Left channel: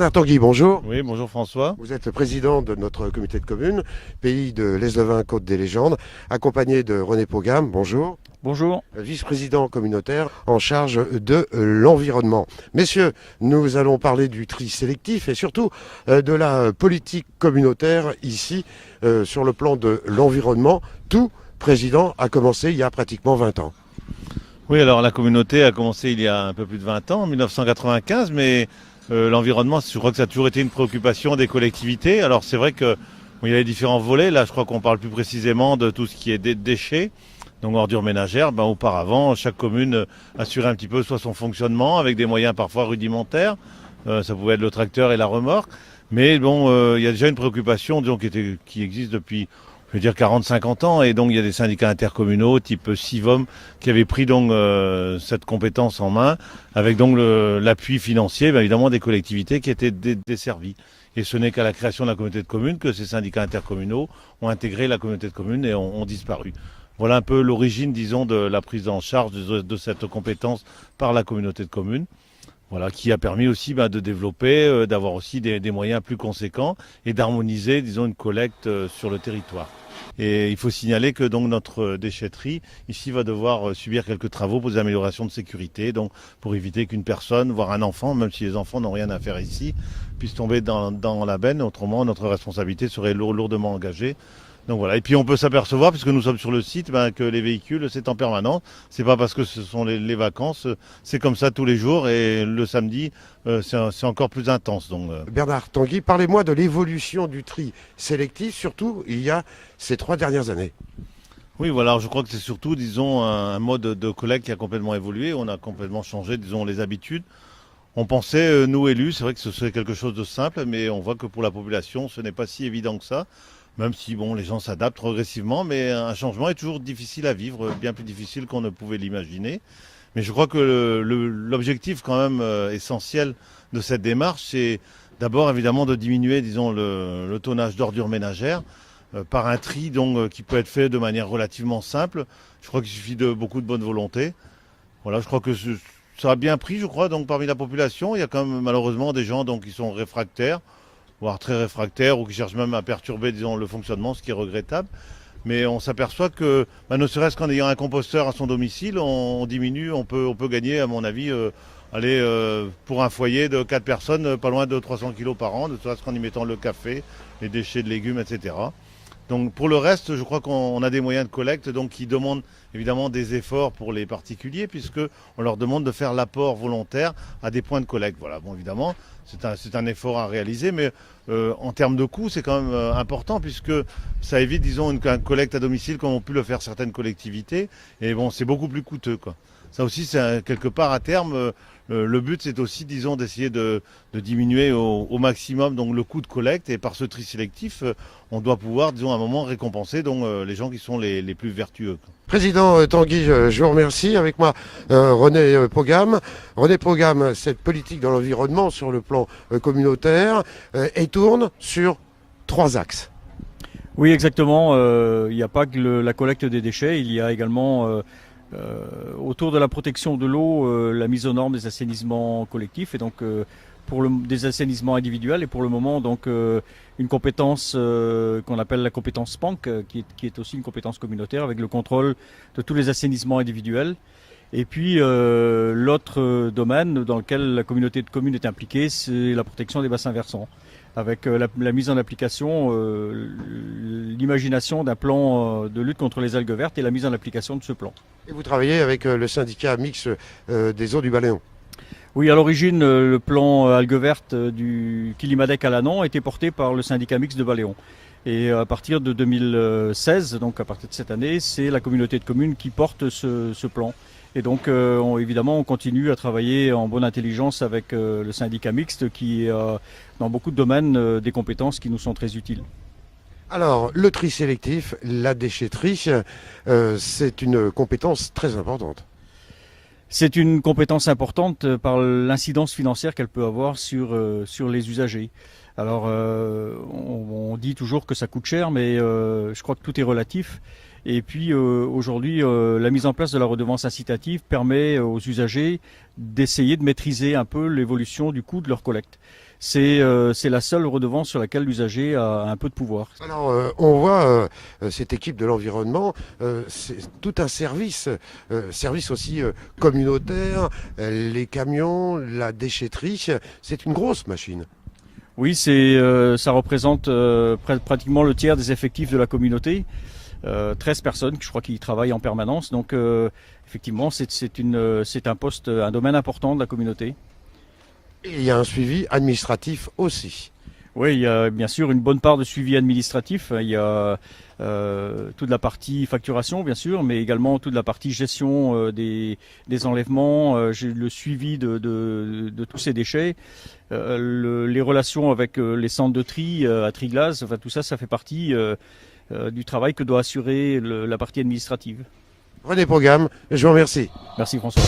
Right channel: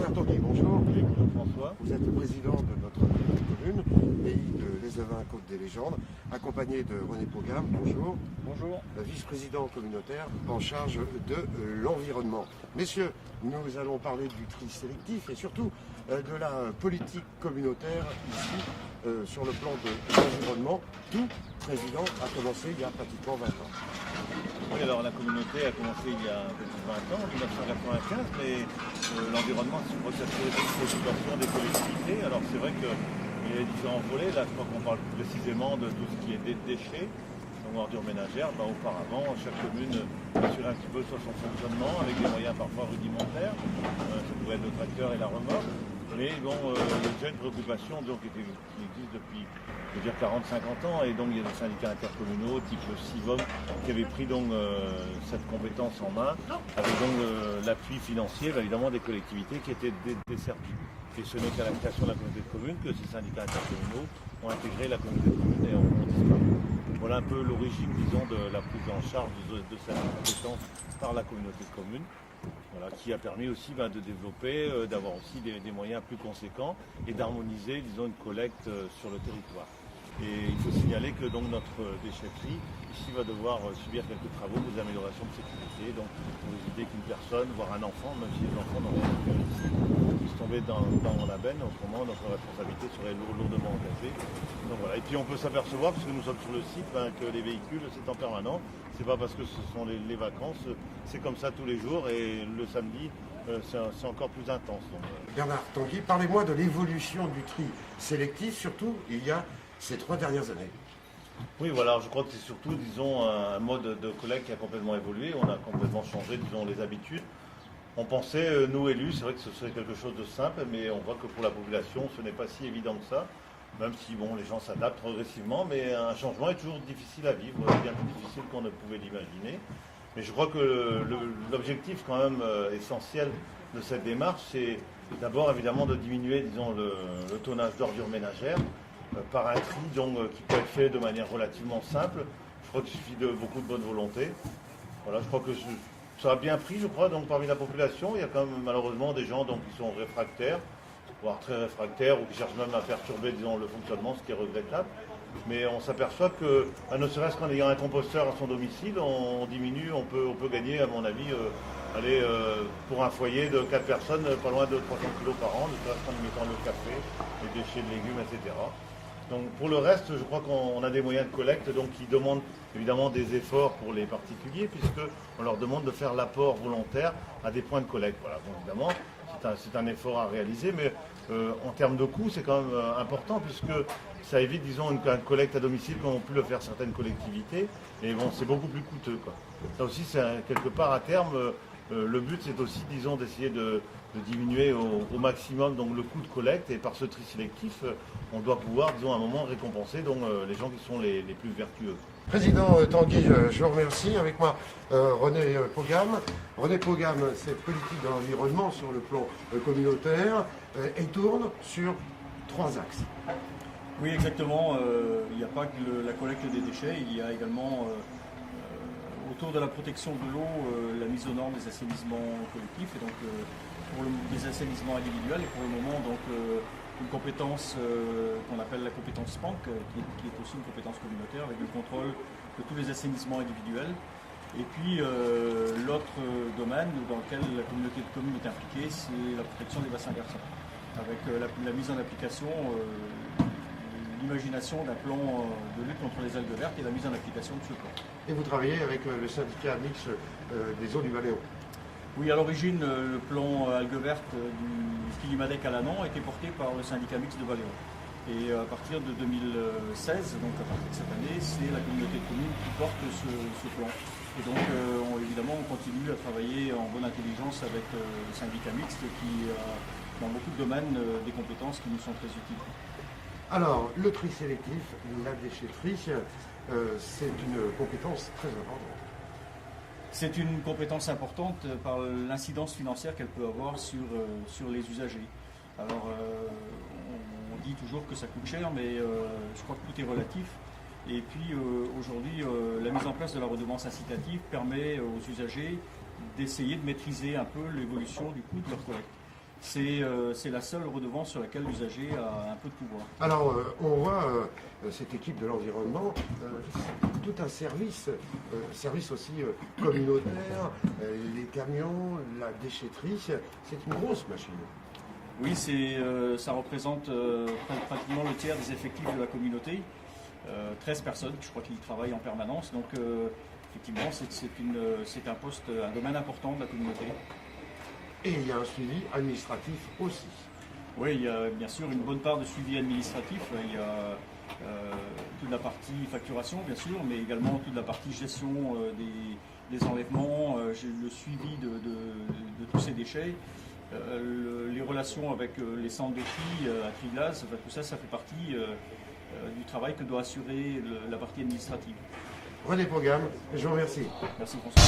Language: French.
Bernard Tanguy, bonjour. Oui, bonjour François. Vous êtes le président de notre comité de communes, pays de l'Eslevain Côte des Légendes, accompagné de René Pogam, bonjour. Bonjour. Vice-président communautaire en charge de l'environnement. Messieurs, nous allons parler du tri sélectif et surtout de la politique communautaire ici sur le plan de l'environnement. Tout président a commencé il y a pratiquement 20 ans. Oui, alors la communauté a commencé il y a un peu plus de 20 ans, en 1995, mais l'environnement, je crois que ça a toujours été une préoccupation des collectivités. Alors c'est vrai qu'il y a les différents volets. Là, je crois qu'on parle plus précisément de tout ce qui est déchets, donc ordures ménagères. Auparavant, chaque commune assurait un petit peu soit son fonctionnement avec des moyens parfois rudimentaires. Ça pouvait être le tracteur et la remorque. Mais bon, il y a déjà une préoccupation disons, qui existe depuis 40-50 ans. Et donc il y a des syndicats intercommunaux type Sivom qui avaient pris donc cette compétence en main avec donc l'appui financier évidemment des collectivités qui étaient desservies. Et ce n'est qu'à la création de la communauté de communes que ces syndicats intercommunaux ont intégré la communauté de communes et ont disparu. Voilà un peu l'origine, disons, de la prise en charge de cette compétence par la communauté de communes. Voilà, qui a permis aussi de développer, d'avoir aussi des moyens plus conséquents et d'harmoniser, disons, une collecte sur le territoire. Et il faut signaler que donc notre déchetterie ici va devoir subir quelques travaux pour des améliorations de sécurité, donc pour éviter qu'une personne, voire un enfant, même si les enfants n'ont rien à faire ici, puisse tomber dans la benne. Autrement, notre responsabilité serait lourdement engagée. Donc voilà. Et puis on peut s'apercevoir, puisque nous sommes sur le site, que les véhicules, c'est en permanence. C'est pas parce que ce sont les vacances, c'est comme ça tous les jours. Et le samedi, c'est encore plus intense. Donc, Bernard Tanguy, parlez-moi de l'évolution du tri sélectif, surtout il y a ces 3 dernières années. Oui, voilà, je crois que c'est surtout, disons, un mode de collecte qui a complètement évolué. On a complètement changé, disons, les habitudes. On pensait, nous élus, c'est vrai que ce serait quelque chose de simple, mais on voit que pour la population, ce n'est pas si évident que ça. Même si bon, les gens s'adaptent progressivement, mais un changement est toujours difficile à vivre, bien plus difficile qu'on ne pouvait l'imaginer. Mais je crois que l'objectif quand même essentiel de cette démarche, c'est d'abord évidemment de diminuer, disons, le tonnage d'ordures ménagères par un tri donc, qui peut être fait de manière relativement simple. Je crois qu'il suffit de beaucoup de bonne volonté. Voilà, je crois que ça a bien pris, je crois, donc parmi la population. Il y a quand même malheureusement des gens donc, qui sont réfractaires, voire très réfractaires, ou qui cherchent même à perturber disons, le fonctionnement, ce qui est regrettable. Mais on s'aperçoit que, ne serait-ce qu'en ayant un composteur à son domicile, on diminue, on peut gagner, à mon avis, pour un foyer de 4 personnes, pas loin de 300 kg par an, ne serait-ce qu'en y mettant le café, les déchets de légumes, etc. Donc pour le reste, je crois qu'on a des moyens de collecte donc, qui demandent évidemment des efforts pour les particuliers, puisqu'on leur demande de faire l'apport volontaire à des points de collecte. Voilà, bon évidemment, c'est un effort à réaliser, mais en termes de coûts, c'est quand même important, puisque ça évite, disons, une collecte à domicile comme ont pu le faire certaines collectivités. Et bon, c'est beaucoup plus coûteux, quoi. Ça aussi, c'est quelque part à terme, le but, c'est aussi, disons, d'essayer de diminuer au maximum donc, le coût de collecte. Et par ce tri sélectif, on doit pouvoir, disons, à un moment récompenser donc, les gens qui sont les plus vertueux. Président Tanguy, je vous remercie. Avec moi, René Pogam. René Pogam, cette politique dans l'environnement sur le plan communautaire, elle tourne sur 3 axes. Oui, exactement. Il n'y a pas que la collecte des déchets, il y a également autour de la protection de l'eau, la mise aux normes des assainissements collectifs et donc des assainissements individuels et pour le moment donc une compétence qu'on appelle la compétence SPANC qui est aussi une compétence communautaire avec le contrôle de tous les assainissements individuels. Et puis l'autre domaine dans lequel la communauté de communes est impliquée, c'est la protection des bassins versants avec la mise en application, l'imagination d'un plan de lutte contre les algues vertes et la mise en application de ce plan. Et vous travaillez avec le syndicat mixte des eaux du Baléon. Oui, à l'origine, le plan algues vertes du Kilimadec à Lannon a été porté par le syndicat mixte de Baléon. Et à partir de 2016, donc à partir de cette année, c'est la communauté de communes qui porte ce plan. Et donc, évidemment, on continue à travailler en bonne intelligence avec le syndicat mixte qui a, dans beaucoup de domaines, des compétences qui nous sont très utiles. Alors, le tri sélectif, la déchetterie, c'est une compétence très importante. C'est une compétence importante par l'incidence financière qu'elle peut avoir sur les usagers. Alors, on dit toujours que ça coûte cher, mais je crois que tout est relatif. Et puis, aujourd'hui, la mise en place de la redevance incitative permet aux usagers d'essayer de maîtriser un peu l'évolution du coût de leur collecte. c'est la seule redevance sur laquelle l'usager a un peu de pouvoir. Alors, on voit cette équipe de l'environnement, c'est tout un service, service aussi communautaire, les camions, la déchetterie, c'est une grosse machine. Oui, ça représente pratiquement le tiers des effectifs de la communauté. 13 personnes, je crois, qui y travaillent en permanence. Donc, effectivement, c'est un poste, un domaine important de la communauté. Et il y a un suivi administratif aussi. Oui, il y a bien sûr une bonne part de suivi administratif. Il y a toute la partie facturation, bien sûr, mais également toute la partie gestion des enlèvements, le suivi de tous ces déchets, les relations avec les centres de tri à Triglass, enfin, tout ça, ça fait partie du travail que doit assurer la partie administrative. René Pogam, je vous remercie. Merci François.